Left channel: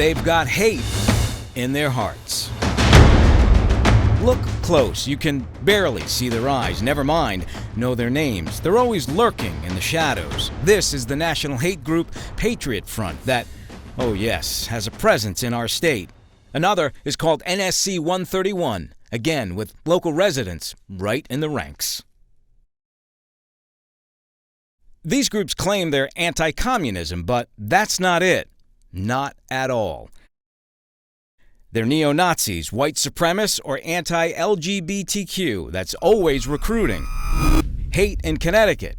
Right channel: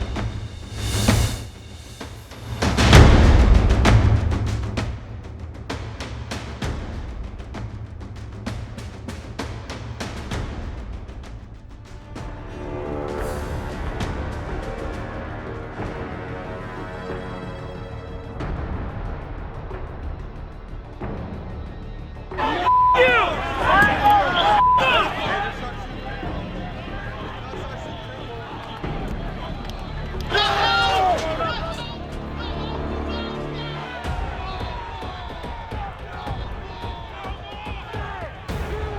they've got hate in their hearts. Look close. You can barely see their eyes, never mind know their names. They're always lurking in the shadows. This is the national hate group Patriot Front that, oh yes, has a presence in our state. Another is called NSC 131, again with local residents right in the ranks. These groups claim they're anti-communism, but that's not it. Not at all. They're neo-Nazis, white supremacists, or anti-LGBTQ. That's always recruiting. Hate in Connecticut.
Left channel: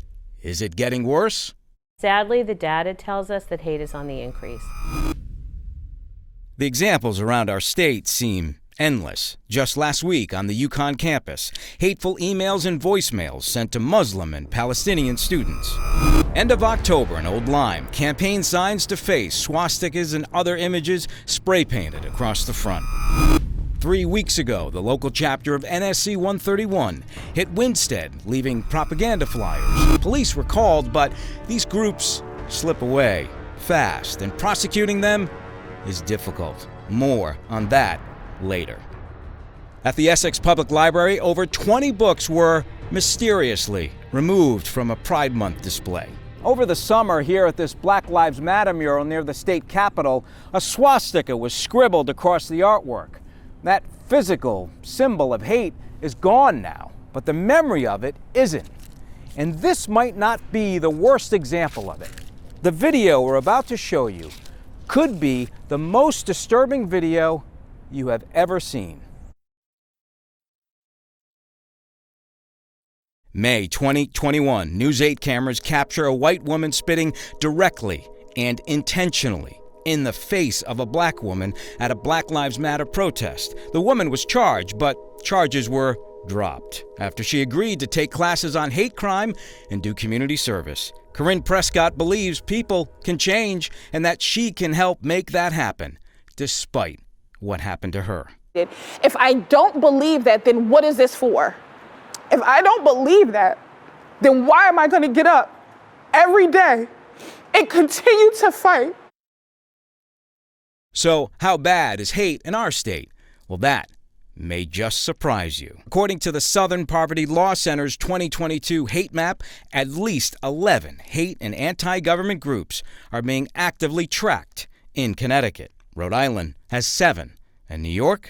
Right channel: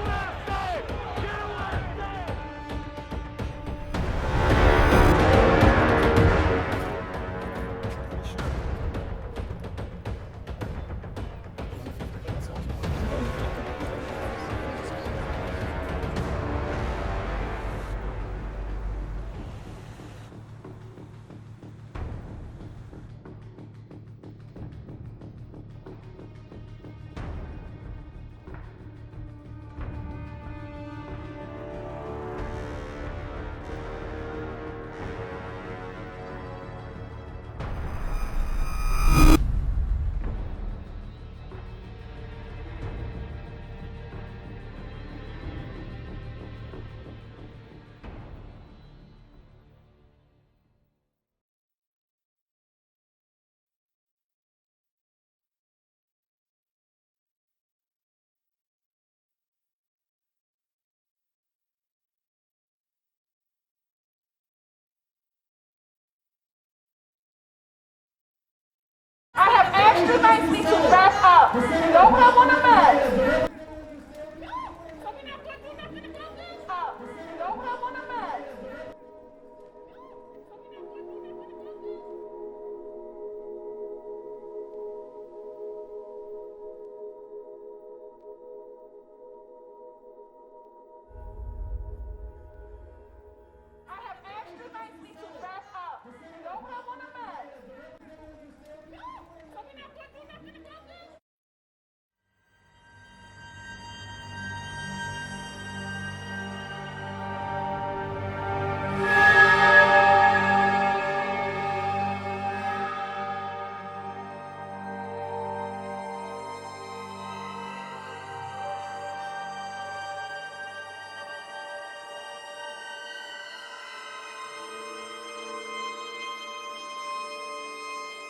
Is it getting worse? Sadly, the data tells us that hate is on the increase. The examples around our state seem endless. Just last week on the UConn campus, hateful emails and voicemails sent to Muslim and Palestinian students. End of October in Old Lyme, campaign signs to face swastikas and other images spray painted across the front. 3 weeks ago, the local chapter of NSC 131 hit Winstead, leaving propaganda flyers. Police were called, but these groups slip away fast, and prosecuting them is difficult. More on that later. At the Essex Public Library, over 20 books were mysteriously removed from a Pride Month display. Over the summer, here at this Black Lives Matter mural near the state capitol, a swastika was scribbled across the artwork. That physical symbol of hate is gone now, but the memory of it isn't. And this might not be the worst example of it. The video we're about to show you could be the most disturbing video you have ever seen. I have asked you nicely to back up. Don't come on a mess. May 2021, News 8 cameras capture a white woman spitting directly and intentionally in the face of a black woman at a Black Lives Matter protest. The woman was charged, but charges were dropped after she agreed to take classes on hate crime and do community service. Corinne Prescott believes people can change and that she can help make that happen, despite what happened to her. If I don't believe that, then what is this for? If I don't believe that, then why am I going to get up every day and continue to fight? So how bad is hate in our state? Well, that may just surprise you. According to the Southern Poverty Law Center's 2022 hate map, at least 11 hate and anti-government groups are being actively tracked in Connecticut. Rhode Island has 7, and New York,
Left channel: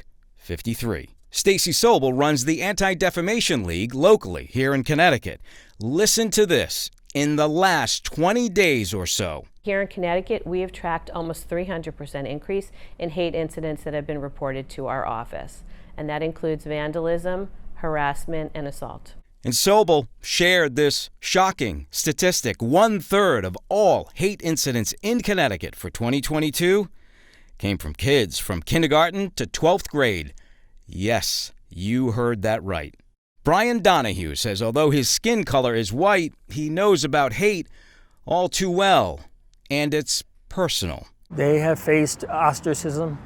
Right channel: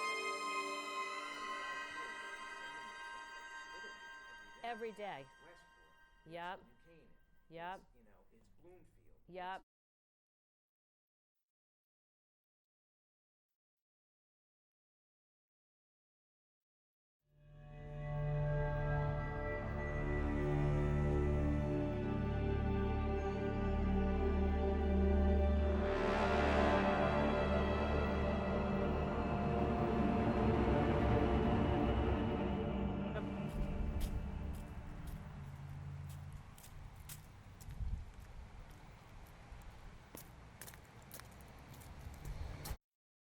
53. Stacey Sobel runs the Anti-Defamation League locally here in Connecticut. Listen to this. In the last 20 days or so, here in Connecticut, we have tracked almost 300% increase in hate incidents that have been reported to our office. And that includes vandalism, harassment, and assault. And Sobel shared this shocking statistic. 1/3 of all hate incidents in Connecticut for 2022 came from kids from kindergarten to 12th grade. Yes, you heard that right. Brian Donahue says although his skin color is white, he knows about hate all too well, and it's personal. They have faced ostracism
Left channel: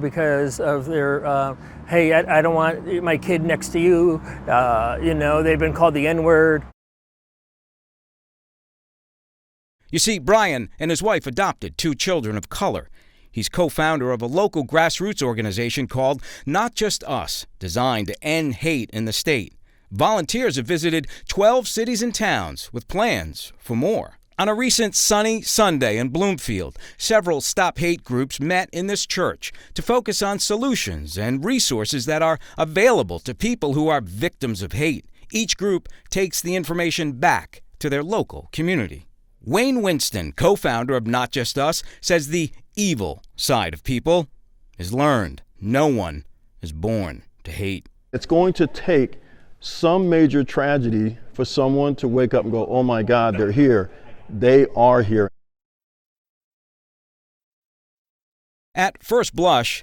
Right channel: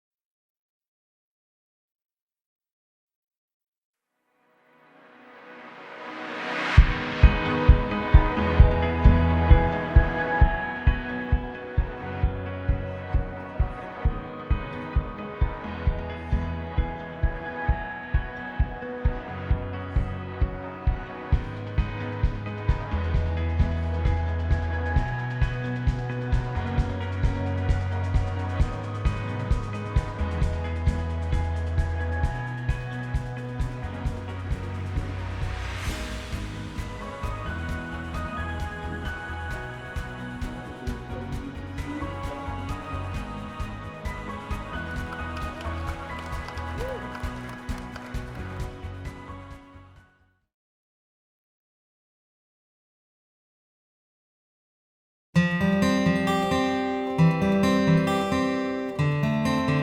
because of their, hey, I don't want my kid next to you. They've been called the N-word. You see, Brian and his wife adopted 2 children of color. He's co-founder of a local grassroots organization called Not Just Us, designed to end hate in the state. Volunteers have visited 12 cities and towns with plans for more. On a recent sunny Sunday in Bloomfield, several Stop Hate groups met in this church to focus on solutions and resources that are available to people who are victims of hate. Each group takes the information back to their local community. Wayne Winston, co-founder of Not Just Us, says the evil side of people is learned. No one is born to hate. It's going to take some major tragedy for someone to wake up and go, oh my God, they're here. They are here. At first blush,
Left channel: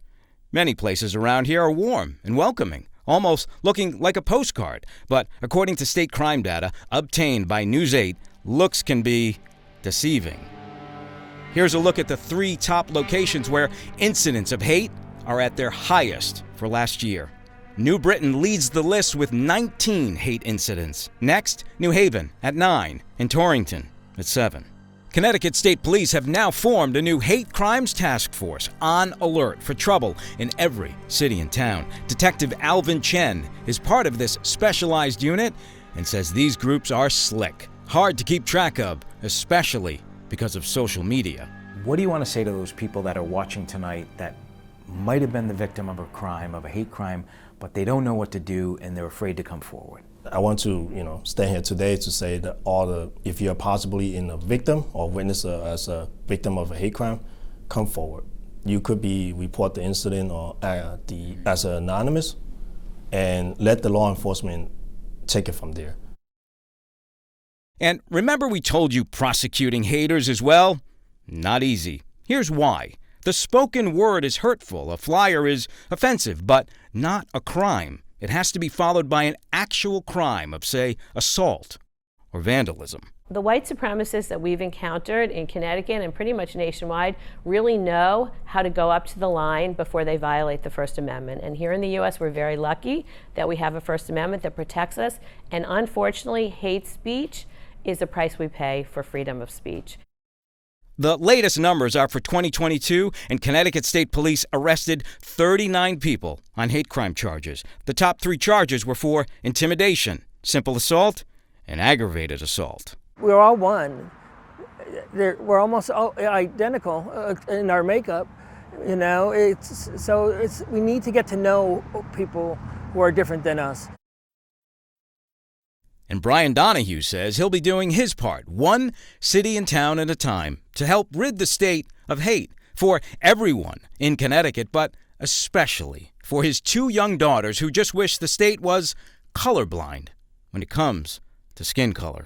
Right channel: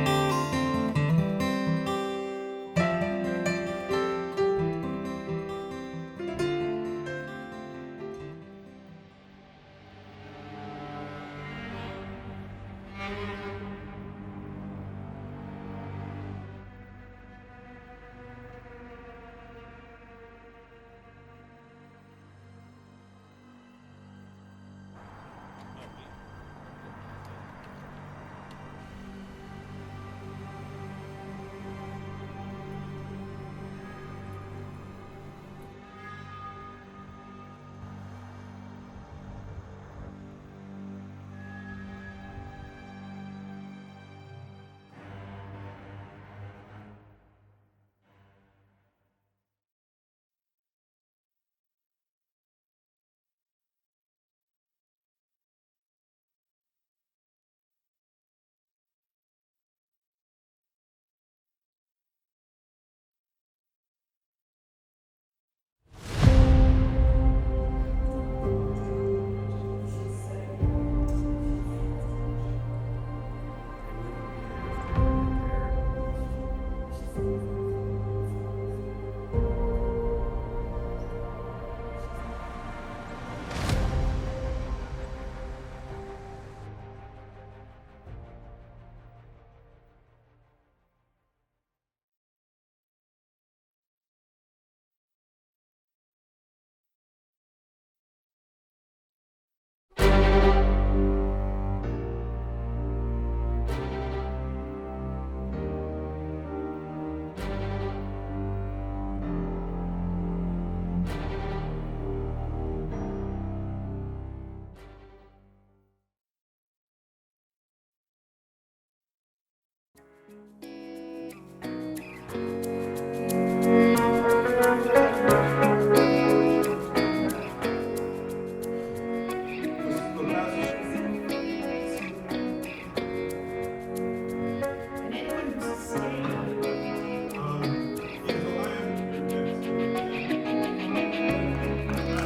many places around here are warm and welcoming, almost looking like a postcard. But according to state crime data obtained by News 8, looks can be deceiving. Here's a look at the 3 top locations where incidents of hate are at their highest for last year. New Britain leads the list with 19 hate incidents. Next, New Haven at 9 and Torrington at 7. Connecticut State Police have now formed a new hate crimes task force on alert for trouble in every city and town. Detective Alvin Chen is part of this specialized unit and says these groups are slick, hard to keep track of, especially because of social media. What do you want to say to those people that are watching tonight that might have been the victim of a crime, of a hate crime, but they don't know what to do and they're afraid to come forward? I want to, stand here today to say that if you're possibly a victim or witness as a victim of a hate crime, come forward. You could report the incident or as anonymous, and let the law enforcement take it from there. And remember we told you prosecuting haters as well? Not easy. Here's why. The spoken word is hurtful, a flyer is offensive, but not a crime. It has to be followed by an actual crime of, say, assault or vandalism. The white supremacists that we've encountered in Connecticut and pretty much nationwide really know how to go up to the line before they violate the First Amendment. And here in the U.S., we're very lucky that we have a First Amendment that protects us. And unfortunately, hate speech is the price we pay for freedom of speech. The latest numbers are for 2022, and Connecticut State Police arrested 39 people on hate crime charges. The top 3 charges were for intimidation, simple assault, and aggravated assault. We're all one. We're almost all identical in our makeup. We need to get to know people who are different than us. Brian Donahue says he'll be doing his part, one city and town at a time, to help rid the state of hate for everyone in Connecticut, but especially for his 2 young daughters who just wish the state was colorblind when it comes to skin color.